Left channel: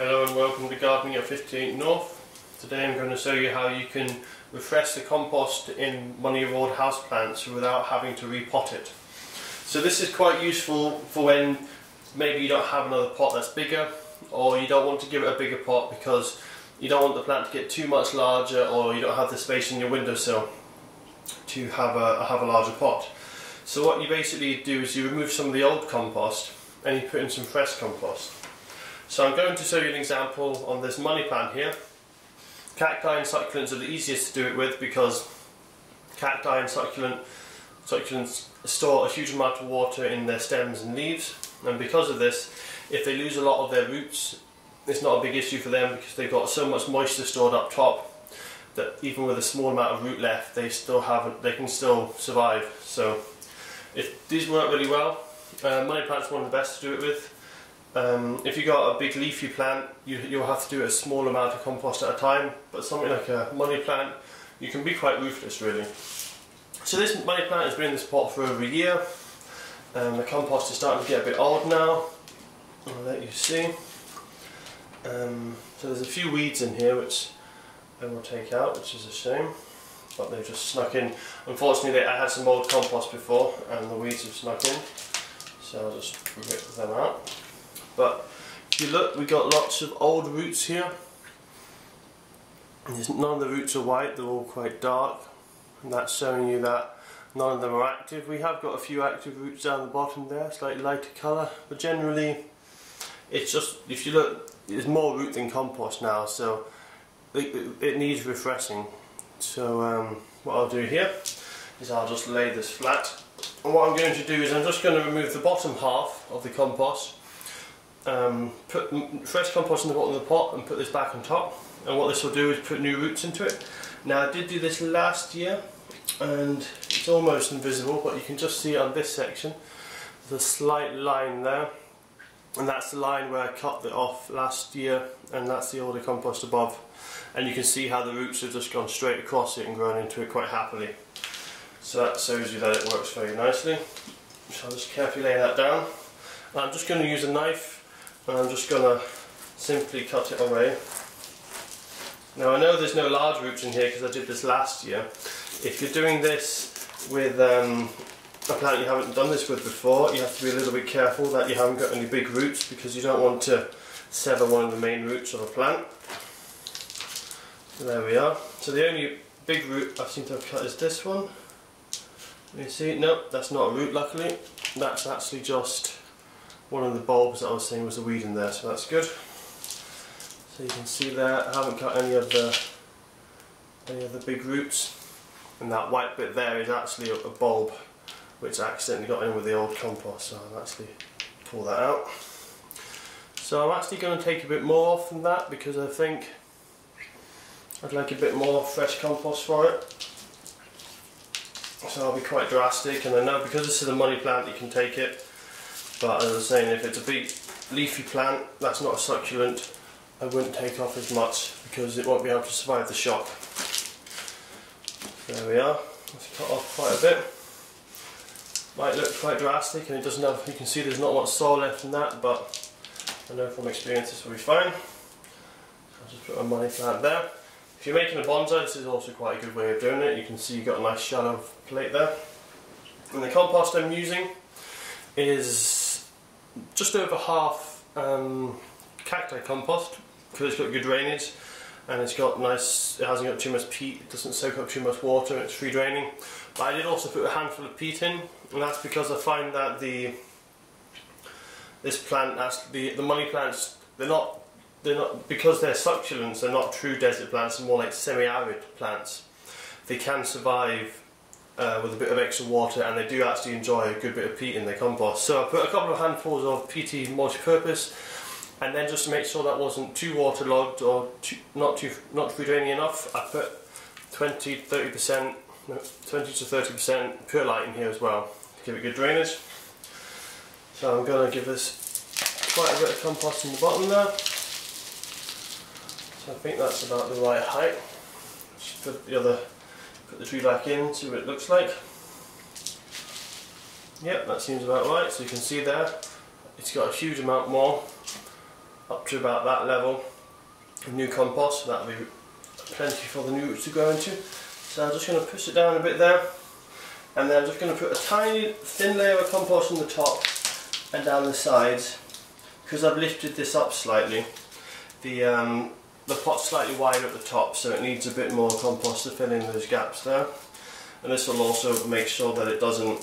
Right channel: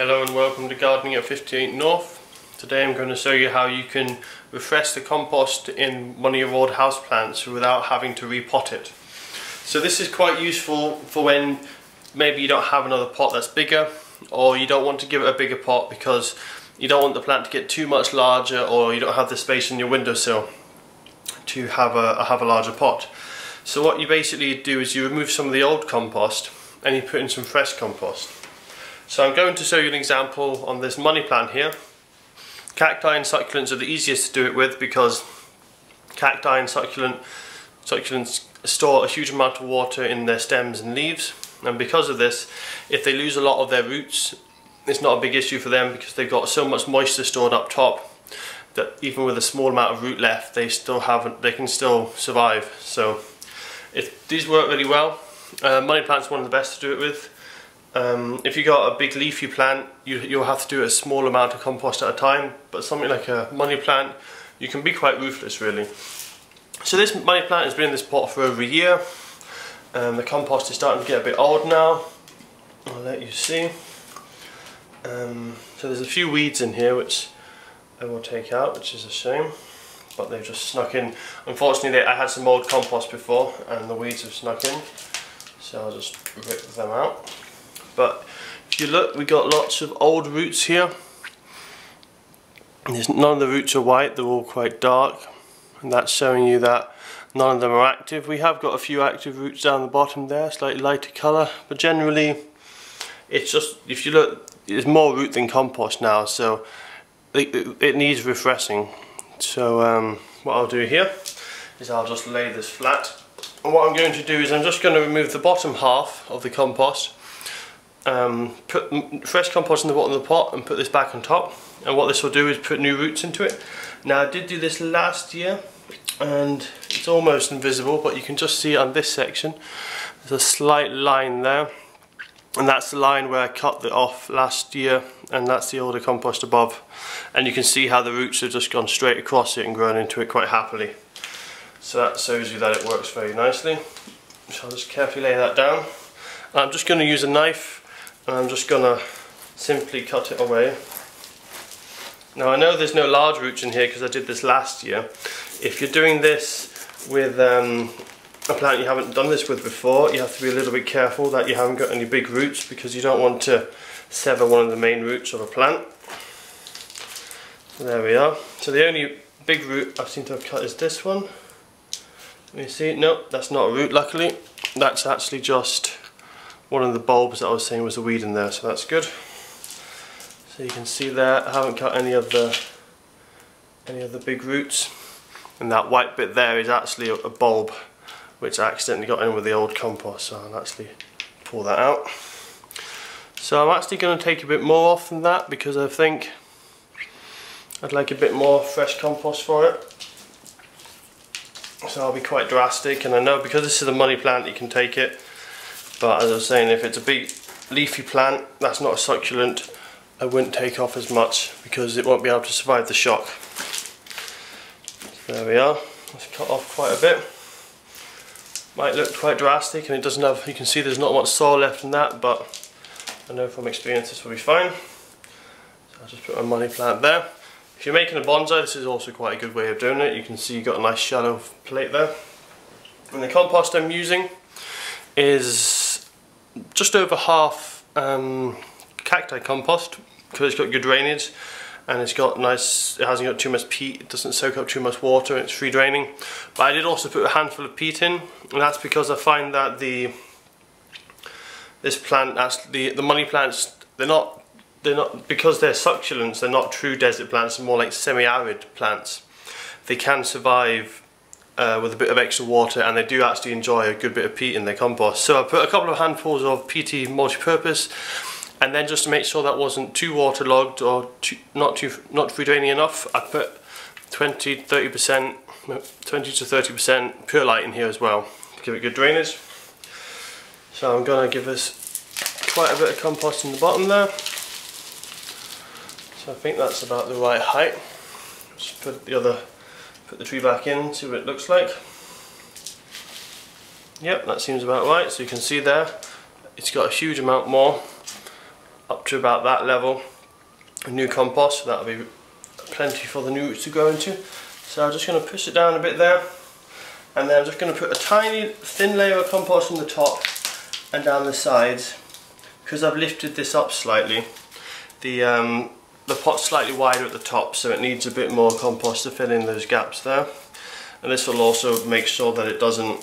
Hello and welcome to Gardening at 58 North. Today I'm going to show you how you can refresh the compost in one of your old houseplants without having to repot it. So this is quite useful for when maybe you don't have another pot that's bigger, or you don't want to give it a bigger pot because you don't want the plant to get too much larger, or you don't have the space in your windowsill to have a larger pot. So what you basically do is you remove some of the old compost and you put in some fresh compost. So I'm going to show you an example on this money plant here. Cacti and succulents are the easiest to do it with because cacti and succulents store a huge amount of water in their stems and leaves, and because of this, if they lose a lot of their roots, it's not a big issue for them because they've got so much moisture stored up top that even with a small amount of root left, they can still survive. So these work really well. Money plant's one of the best to do it with. If you got a big leafy plant, you'll have to do a small amount of compost at a time, but something like a money plant, you can be quite ruthless really. So this money plant has been in this pot for over a year, and the compost is starting to get a bit old now. I'll let you see. So there's a few weeds in here which I will take out, which is a shame, but they've just snuck in. Unfortunately, I had some old compost before and the weeds have snuck in, so I'll just rip them out. But if you look, we got lots of old roots here. None of the roots are white, they're all quite dark, and that's showing you that none of them are active. We have got a few active roots down the bottom there, slightly lighter colour, but generally it's just, if you look, there's more root than compost now, so it needs refreshing. So what I'll do here is I'll just lay this flat, and what I'm going to do is I'm just going to remove the bottom half of the compost, put fresh compost in the bottom of the pot and put this back on top, and what this will do is put new roots into it. Now I did do this last year and it's almost invisible, but you can just see it on this section. There's a slight line there, and that's the line where I cut it off last year, and that's the older compost above, and you can see how the roots have just gone straight across it and grown into it quite happily. So that shows you that it works very nicely. So I'll just carefully lay that down. I'm just going to use a knife and I'm just going to simply cut it away. Now I know there's no large roots in here because I did this last year. If you're doing this with a plant you haven't done this with before, you have to be a little bit careful that you haven't got any big roots, because you don't want to sever one of the main roots of a plant. So there we are. So the only big root I seem to have cut is this one. Let me see. Nope, that's not a root, luckily. That's actually just one of the bulbs that I was saying was a weed in there, so that's good. So you can see there, I haven't cut any of the big roots, and that white bit there is actually a bulb which I accidentally got in with the old compost, so I'll actually pull that out. So I'm actually going to take a bit more off than that because I think I'd like a bit more fresh compost for it. So I'll be quite drastic, and I know because this is a money plant you can take it, but as I was saying, if it's a big leafy plant that's not a succulent, I wouldn't take off as much because it won't be able to survive the shock. So there we are. Let's cut off quite a bit. Might look quite drastic, and it doesn't have, you can see there's not much soil left in that, but I know from experience this will be fine. So I'll just put my money plant there. If you're making a bonsai, this is also quite a good way of doing it. You can see you've got a nice shallow plate there. And the compost I'm using is just over half cacti compost, because it's got good drainage and it hasn't got too much peat, it doesn't soak up too much water, it's free draining. But I did also put a handful of peat in, and that's because I find that the money plants, they're not because they're succulents, they're not true desert plants, they're more like semi-arid plants. They can survive with a bit of extra water, and they do actually enjoy a good bit of peat in their compost. So I put a couple of handfuls of peaty multi-purpose, and then just to make sure that wasn't too waterlogged or not free draining enough, I put 20 to 30% perlite in here as well to give it good drainage. So I'm going to give this quite a bit of compost in the bottom there. So I think that's about the right height. Just put the tree back in, see what it looks like. Yep, that seems about right. So you can see there, it's got a huge amount more up to about that level of new compost, so that'll be plenty for the new roots to grow into. So I'm just going to push it down a bit there, and then I'm just going to put a tiny thin layer of compost on the top and down the sides. Because I've lifted this up slightly, the pot's slightly wider at the top, so it needs a bit more compost to fill in those gaps there. And this will also make sure that it doesn't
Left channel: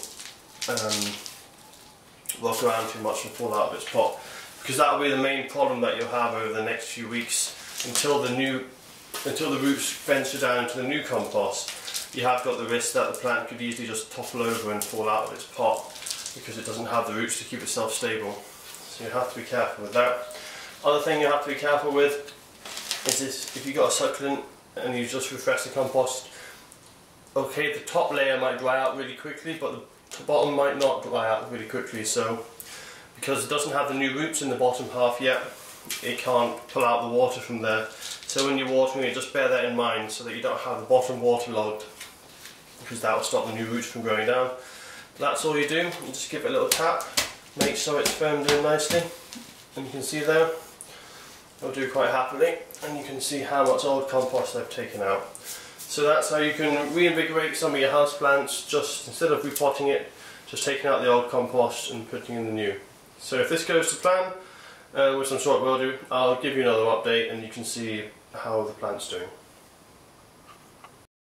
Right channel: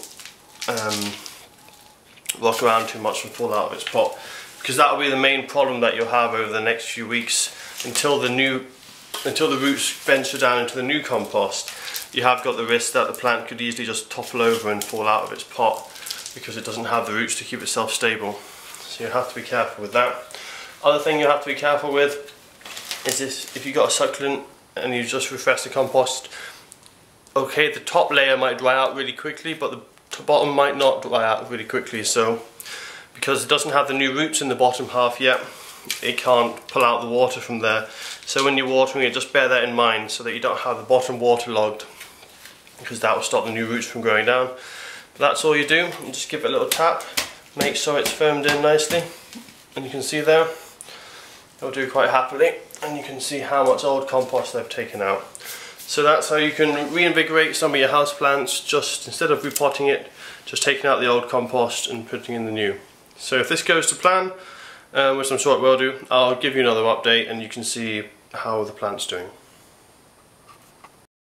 rock around too much and fall out of its pot, because that will be the main problem that you'll have over the next few weeks until the roots venture down into the new compost. You have got the risk that the plant could easily just topple over and fall out of its pot because it doesn't have the roots to keep itself stable. So you have to be careful with that. Other thing you have to be careful with is this: if you've got a succulent and you just refresh the compost, okay, the top layer might dry out really quickly, but the bottom might not dry out really quickly. So because it doesn't have the new roots in the bottom half yet, it can't pull out the water from there. So when you're watering it, just bear that in mind so that you don't have the bottom waterlogged, because that will stop the new roots from growing down. But that's all you do. You just give it a little tap, make sure it's firmed in nicely, and you can see there, it'll do quite happily, and you can see how much old compost they've taken out. So that's how you can reinvigorate some of your houseplants, just instead of repotting it, just taking out the old compost and putting in the new. So if this goes to plan, which I'm sure it will do, I'll give you another update and you can see how the plant's doing.